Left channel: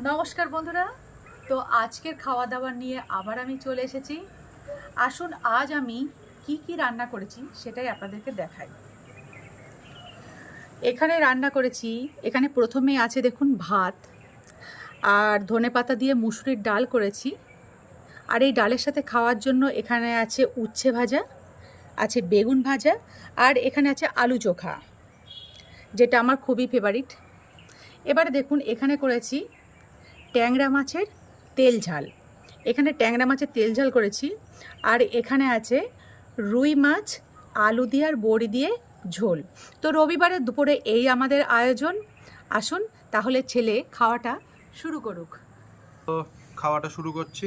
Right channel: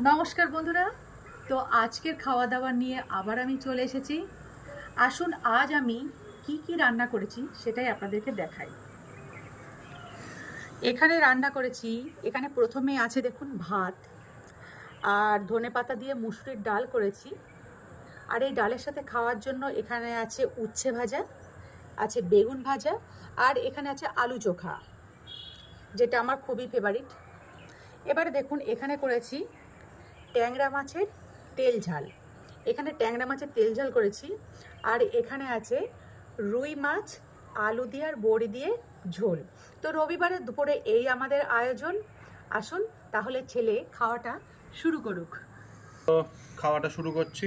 নমস্কার বন্ধুরা। তো আজকের খাওয়া দাওয়া নিয়ে আবার আমি চলে এসেছি। আসুন আজ আমি কি রান্না করেছি সেটাই আপনাদেরকে দেখাই। এখানে রান্না করেছি, এখানে প্রথমেই আছে দেখুন ভাত, আর ধনেপাতা দিয়ে মুসুরির ডাল করেছি। আর এই ডালের সাথে খাওয়ার জন্য এখানে আছে উচ্ছে ভাজা, আছে বেগুন ভাজা, আর এখানে আছে আলু চোখা, যেটা আমার খুবই ফেভারিট। এবারে দেখুন এখানে করেছি ট্যাংরা মাছের তেল ঝাল। এখানে ট্যাংরা মাছের তেল ঝাল করেছি। আর এখানে আছে রুই মাছ আলু দিয়ে আর বড়ি দিয়ে ঝোল। তো রবিবারের দুপুরে এই আমাদের আয়োজন। আসুন তাহলে ছেলে খাওয়াটা শুরু করুক। তো খাওয়াটা শুরু করছি।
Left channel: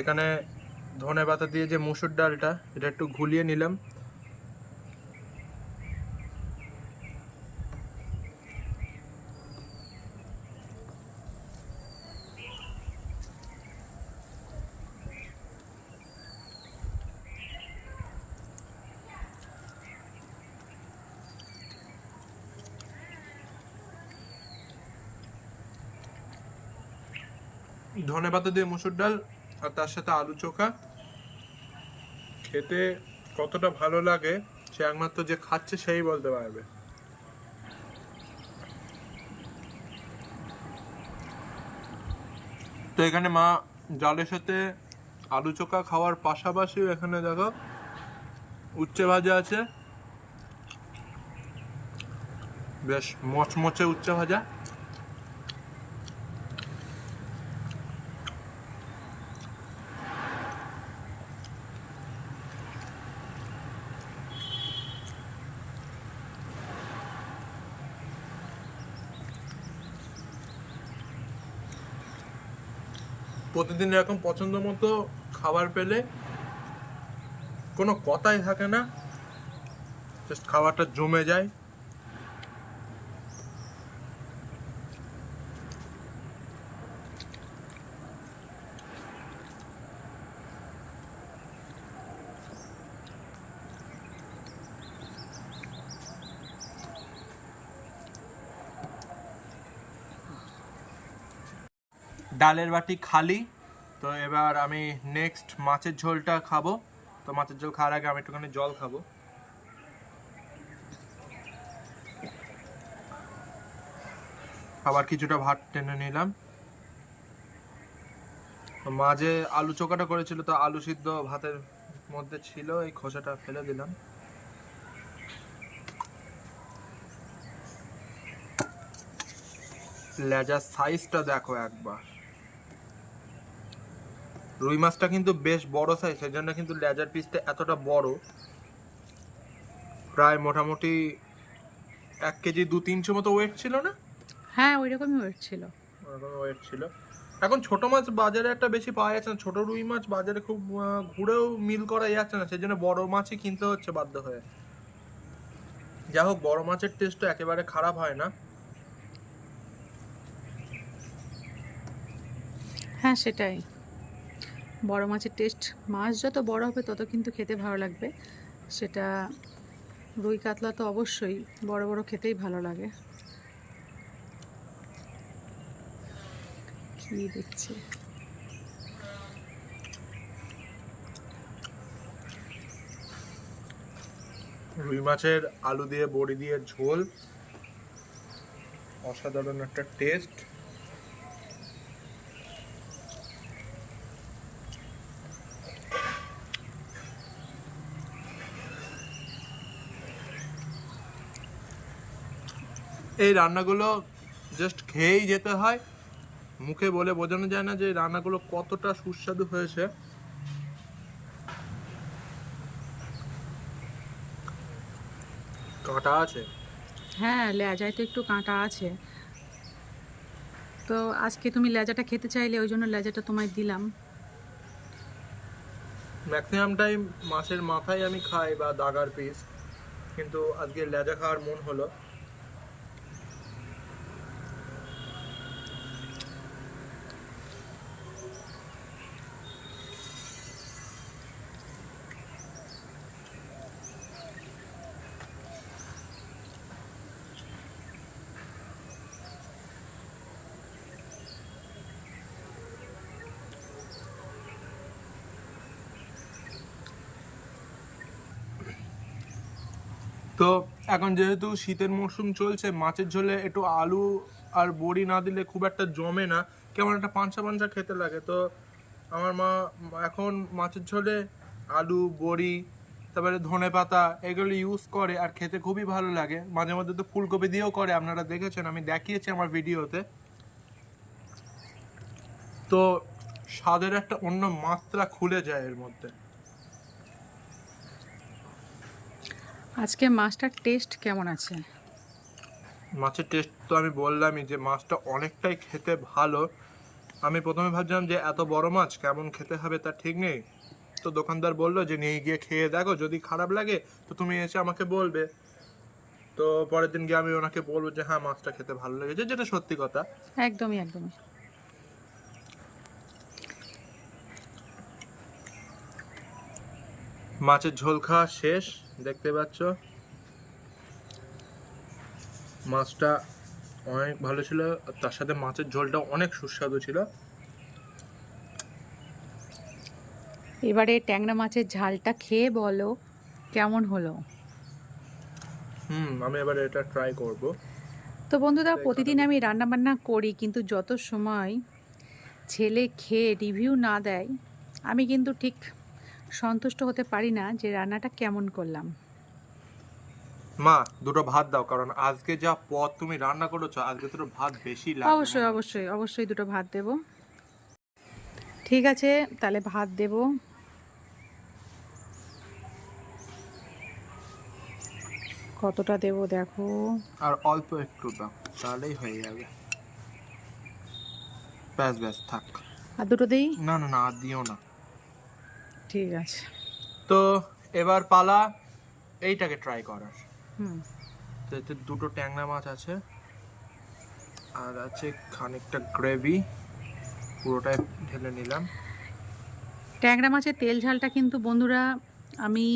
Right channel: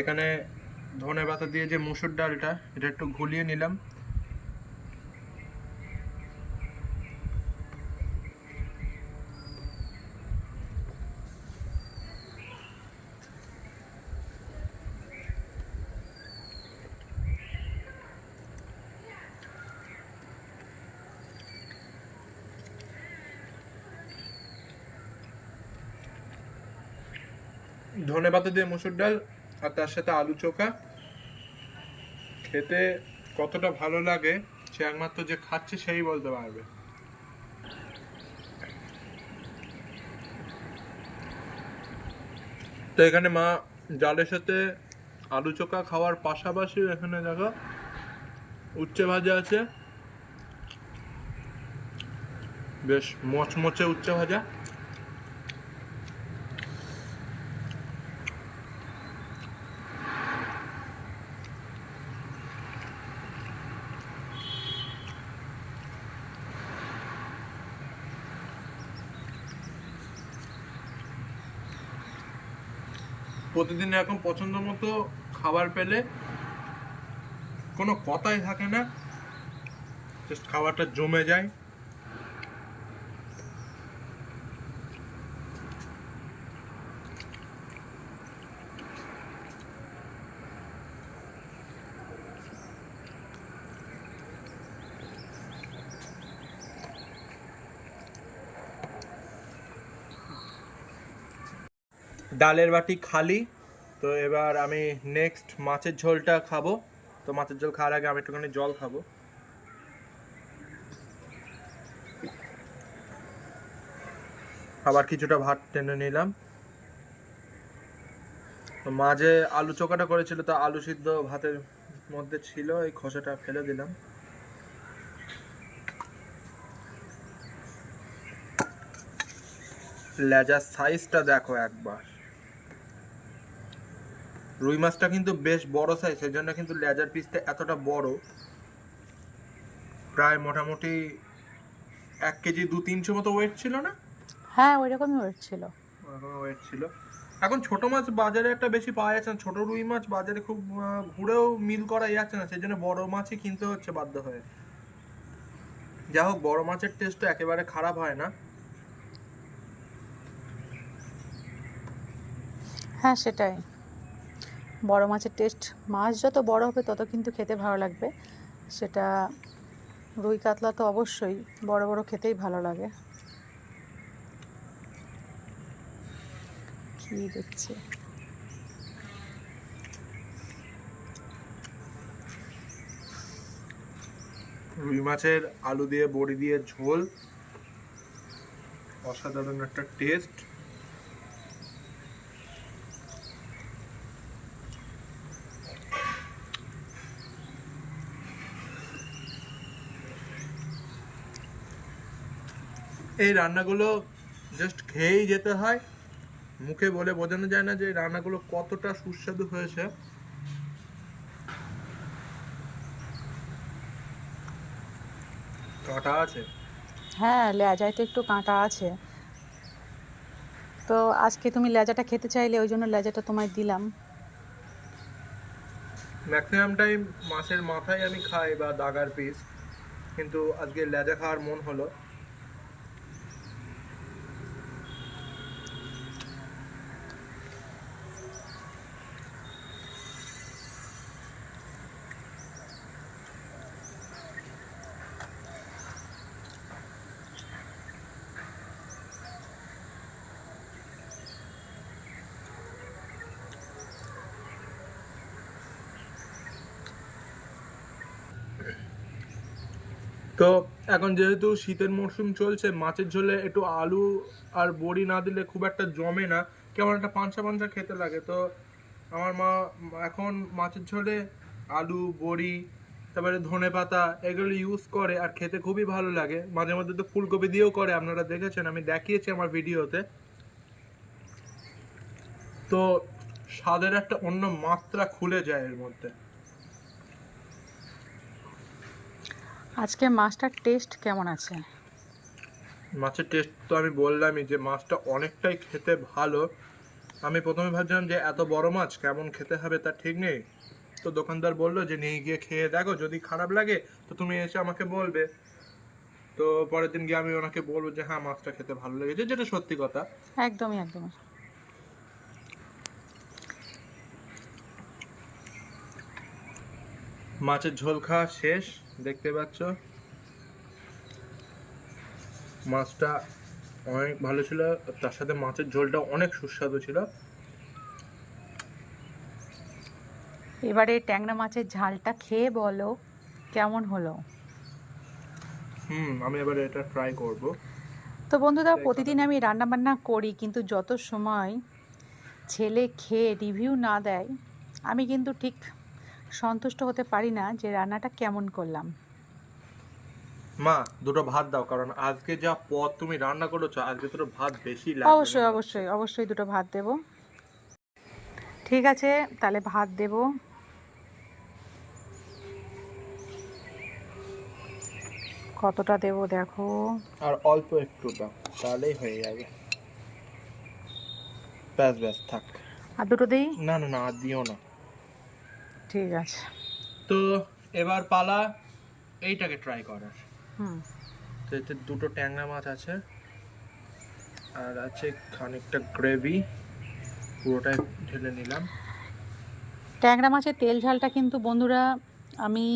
এখানে ধনেপাতা দিয়ে যে মুসুর ডালটা, এটা একটু ঘুলিয়ে নিলাম। ধনেপাতা দিয়ে মুসুর ডাল আর তার সাথে আলু চোখা খেতে কতটা ভালো লাগে সে একমাত্র যে খাচ্ছে সেই বলতে পারবে। তো এখানে মা ডালের সাথে আলু চোখা খাওয়ার পাশাপাশি এখানে দেখো উচ্ছে ভাজা আছে, বেশ মচমচে উচ্ছে ভাজা। প্রতিদিন এরকম পছন্দ মতো খাবার পেলে কোনো কথাই থাকে না, জাস্ট খাবারটা জমে যায়। ডালের বাটি খালি। তো এবার আমি নেক্সট মাছের ঝোলটা খাবো। তো মাছের ঝোল খাওয়ার আগে আমি একটুখানি জল খাবো। আবার কিছুটা ভাত টেনে নিলাম। মাঝে আলু চোখাটা করেছিল, তো আলু সিদ্ধ ভাতের মধ্যে ছিল, এই খোসাটা ফেলে দিলাম। লেজার সাইজটা দেখো একবার। রুই মাছটা কিন্তু বেশ বড় সাইজ, সেই জন্য কিন্তু লেজার পিসটা এতটা বড়। প্রায় মোটামুটি 1 কেজি 200-300 মতো ওয়েট ছিল না? হ্যাঁ, ওই রকমই ওয়েট ছিল। ওরকম ওয়েট ছিল। এখন ছোট মাছ বাজারে একটা বেশি পাওয়া যাচ্ছে না, ছোট রুই মাছ বাজারে খুব ঘুরেও মিল করা যাচ্ছে না, সেই জন্য বড় মাছই কিনতে হচ্ছে বাধ্য হয়ে। যাই হোক, বড় মাছের টেস্ট একেবারে খারাপ হয় না। হ্যাঁ, সেটাই। বড় মাছের টেস্ট, মাছ যত বড় হবে তত কিন্তু খেতে ভালো লাগবে। সেটা রুই কাতলা তো অবশ্যই বড় বড় খেতেই ভালো লাগে। কি দেখছে? রুই মাছের আলু দিয়ে বড়ি দিয়ে ঝোল, অসাধারণ একটা টেস্ট। এই রান্নাগুলো জাস্ট খেয়েই যেতে হয়, মুখে বলে বোঝানো যায় না যে এই রান্নাগুলো কতটা সুস্বাদু হয়েছে। কাঁটা আছে। হ্যাঁ, লেজায় তো একটু কাঁটা আছে। তো আজকে তুমি লেজাটা খেতে চাইলে ওই জন্য লেজাটা তোমায় দিলাম। ম্যাক্সিমাম টাইম মাছের মাথায় আমি খাই বা দাগার পিস, কিন্তু আজকে লেজা খাওয়ার মন হলো। তো এখন যেহেতু শীতের মরশুম চলছে, মাছের ঝোলে একটু আলু আর বড়ি না দিলে খুব একটা জমে না, কেমন একটা পাঞ্চা পাঞ্চা খেতে লাগে। তো আমার মা এখন মাছের ঝোলে আলু, বড়ি, তারপরে ধনেপাতা এগুলো ইউজ করে, আর খেতে খুবই ভালো লাগে। মাঝে মধ্যে তো ফুলকপি দিয়েও করে, আপনারা দেখেছেন, আমি দেখিয়েছি আমার ভিডিওতে। তো স্বাদের একটা অন্য মাত্রা খুলে যায় এর মধ্যে। আজকে মাছটার টেস্ট কেমন আছে? মাছের টেস্ট তো আমি বললামই যে মাছটা অনেকটাই খেতে ভালো। আমি প্রথমে ভাবছিলাম যে এত বড় মাছ কেমন খেতে হবে তার ঠিক নেই। তো দোকানদার বললো যে নিয়ে গিয়ে খেয়ে দেখো, যদি খারাপ লাগে তো তুমি এসে আমাকে বলবে। তো পরের দিন গিয়ে আমি ওনাকে বলবো যে হ্যাঁ মাছটা খেতে ভালো লেগেছে, যেটা সত্যি কথা। একদমই একদমই। মাছের ঝোল খাওয়া শেষ, দেখতে পাচ্ছ মাছটা অনেক ভালো ছিল, তার সাথে মাছের ঝোলটা অনেক সুস্বাদু ছিল। এবারে ট্যাংরা মাছের ঝালটা খেয়ে বলো কেমন হলো। আমি এবারে এটা ট্রাই করব। তো বন্ধুরা, প্রতিদিন আমি রান্না বান্না করি, কিন্তু যত সময় ছেলে খেয়ে রিভিউ না দেয় আমি কিন্তু ঠিক সন্তুষ্ট হতে পারি না যে রান্নাটা কেমন করলাম। মা দুটো ভাত দাও, কারণ আজকে যা পদ তুমি রান্না করেছো, আজকে দুটো ভাত বেশি লাগবে। অবশ্যই অবশ্যই অবশ্যই দুটো ভাত দেব। ঠিক আছে, তাহলে ভাত দেব। কতটা দেব দেখো। আর অল্প একটু দাও, তাহলেই হয়ে যাবে। ব্যাস ব্যাস থাক। আর দুটো দিই? না না না, আর দিও না। ঠিক আছে। তো এবার পালা এইটাকে ট্রাই করার। হুম। তো এতে দুটো ট্যাংরা মাছ আছে, আর আছে খানিকটা গ্রেভি, পুরোটাই ঢেলে নিলাম। ট্যাংরা মাছের তেল ঝালটা কিন্তু বন্ধুরা আমি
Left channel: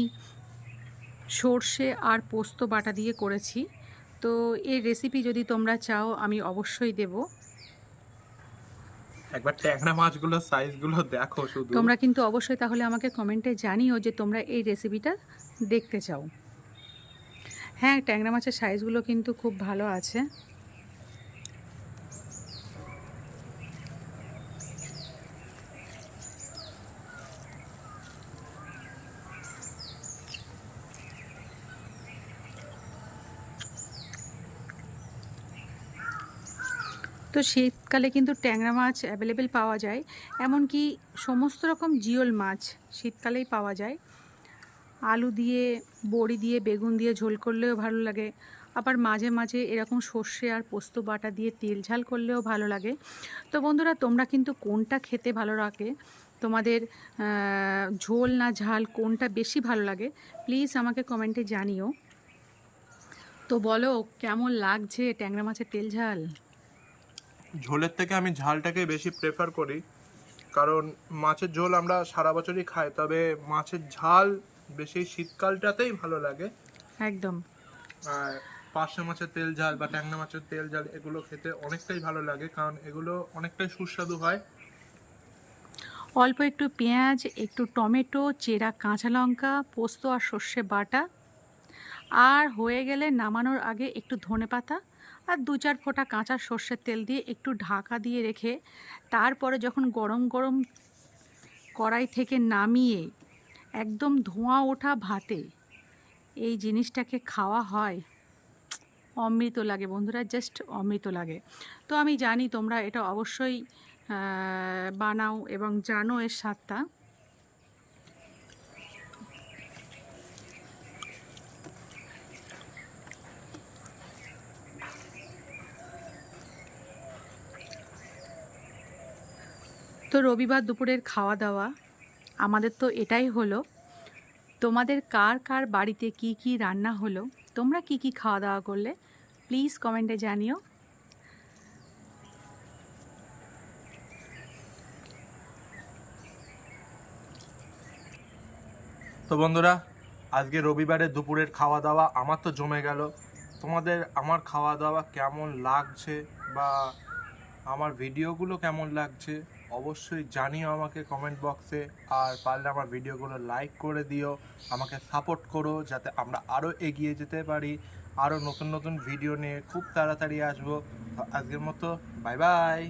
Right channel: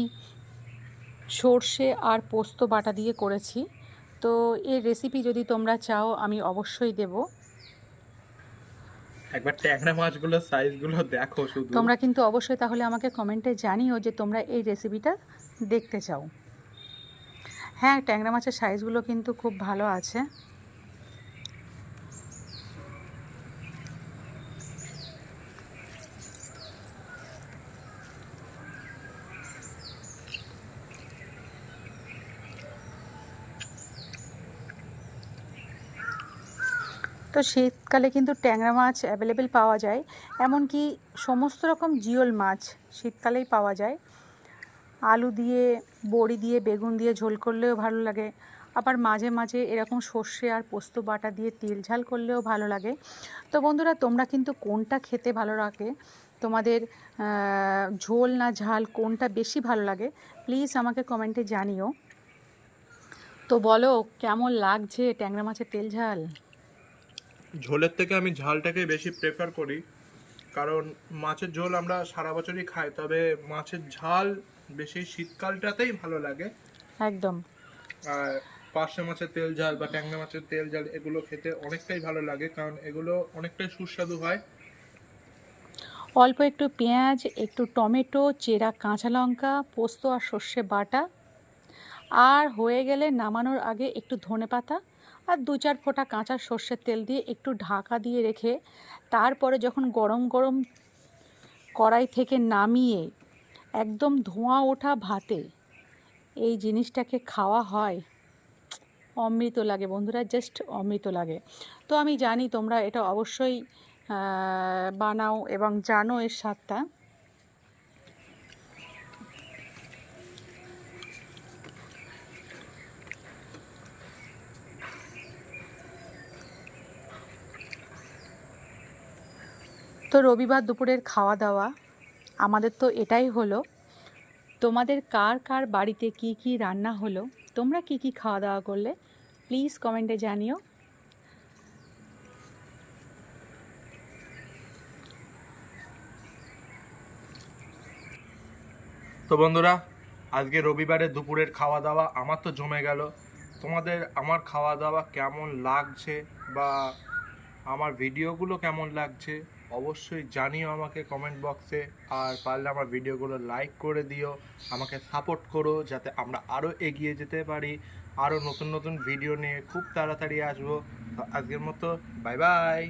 সর্ষে আর পোস্ত বাটা দিয়ে করেছি। তো এই রেসিপি যদি তোমরা চাও আমি অবশ্যই দেব। একবার ট্যাংরা মাছগুলোর সাইজগুলো দেখো শুধু। তোমরা কিন্তু অবশ্যই তাহলে আমাকে কমেন্টে জানিও যে তোমরা এই রেসিপিটা দেখতে চাও। হ্যাঁ, ট্যাংরা মাছের সাইজগুলো কিন্তু খুব ভালো আছে। তো শীতকালে কিন্তু ট্যাংরা মাছ অ্যাভেলেবেল পাওয়া যায়, এমনকি সমস্ত রকম জিওল মাছ শীতকালেই পাওয়া যায়। আলু দিয়ে, বড়ি দিয়ে, বেগুন দিয়ে ঝোল করলেও ভালো লাগে, আবার মাঝে মাঝে এরকম সর্ষে আর পোস্ত বাটা দিয়ে তেল ঝাল করলেও ভালো লাগে। তো বন্ধুরা, তোমরা কিন্তু কোনটা খেতে ভালো লাগে, তোমাদের ঝোল না ঝাল কোনটা বেশি ভালো লাগে, প্লিজ আমাকে কমেন্টে জানিও। তো বলো কেমন লাগছে ট্যাংরা মাছের তেল ঝাল? ঝোলের থেকে আমি ঝালটাকে বেশি প্রেফার করি, কারণ মাছের ঝোল আমরা সারা বছরই খাই, তবে মাছের ঝাল বেশি শীতকালটাতেই ভালো লাগে। একদম। আর পার্শে মাছের তেল ঝাল বা ট্যাংরা মাছের তেল ঝাল এগুলো খেতে অনেকটাই ভালো লাগে, কারণ এগুলো অনেকটাই সুস্বাদু হয়। অল্প একটু পেঁয়াজ, একটু টমেটো, চেরা কাঁচা লঙ্কা, পোস্ত আর সর্ষে বাটা, আর হয়ে গেলে নামানোর আগে একটু ধনেপাতা আর 2-4 ফোঁটা কাঁচা সর্ষের তেল দিয়ে একটু ঢাকা দিয়ে রেখে তারপরে যখন গরম গরম কড়াই থেকে নামিয়ে একদম ধোঁয়া ওঠা ভাতে এই জিনিসটাকে খাওয়া হয়, অমৃত লাগে বন্ধুরা, জাস্ট অমৃত লাগে। তো আমি জানি তোমরা এটা অবশ্যই বানাও এবং জানো এর স্বাদটা। তো রবিবার দুপুরের খাওয়া দাওয়া আমাদের তো এটাই হলো। তোমাদের কার কার বাড়িতে কি কি রান্না হলো, তোমরা কি কি খাওয়া দাওয়া করলে, প্লিজ কমেন্টে জানিও। তো বন্ধুরা, আজকে রবিবারে দুপুরের খাওয়া দাওয়া আমার তো জমে গেল। তোমাদের আমার খাওয়া দাওয়া কেমন লাগছে বা আমার ভিডিওগুলো কেমন লাগছে অবশ্যই জানিও আমাকে কমেন্ট বক্সে। আর পারলে আমার ভিডিওগুলো লাইক করে দিও, আমাকে সাপোর্ট করো যাতে আমরা আরও এগিয়ে যেতে পারি, আরও নতুন নতুন ভিডিও নিয়ে খুব তাড়াতাড়ি আসবো। তো আজকের মতো বাই বাই।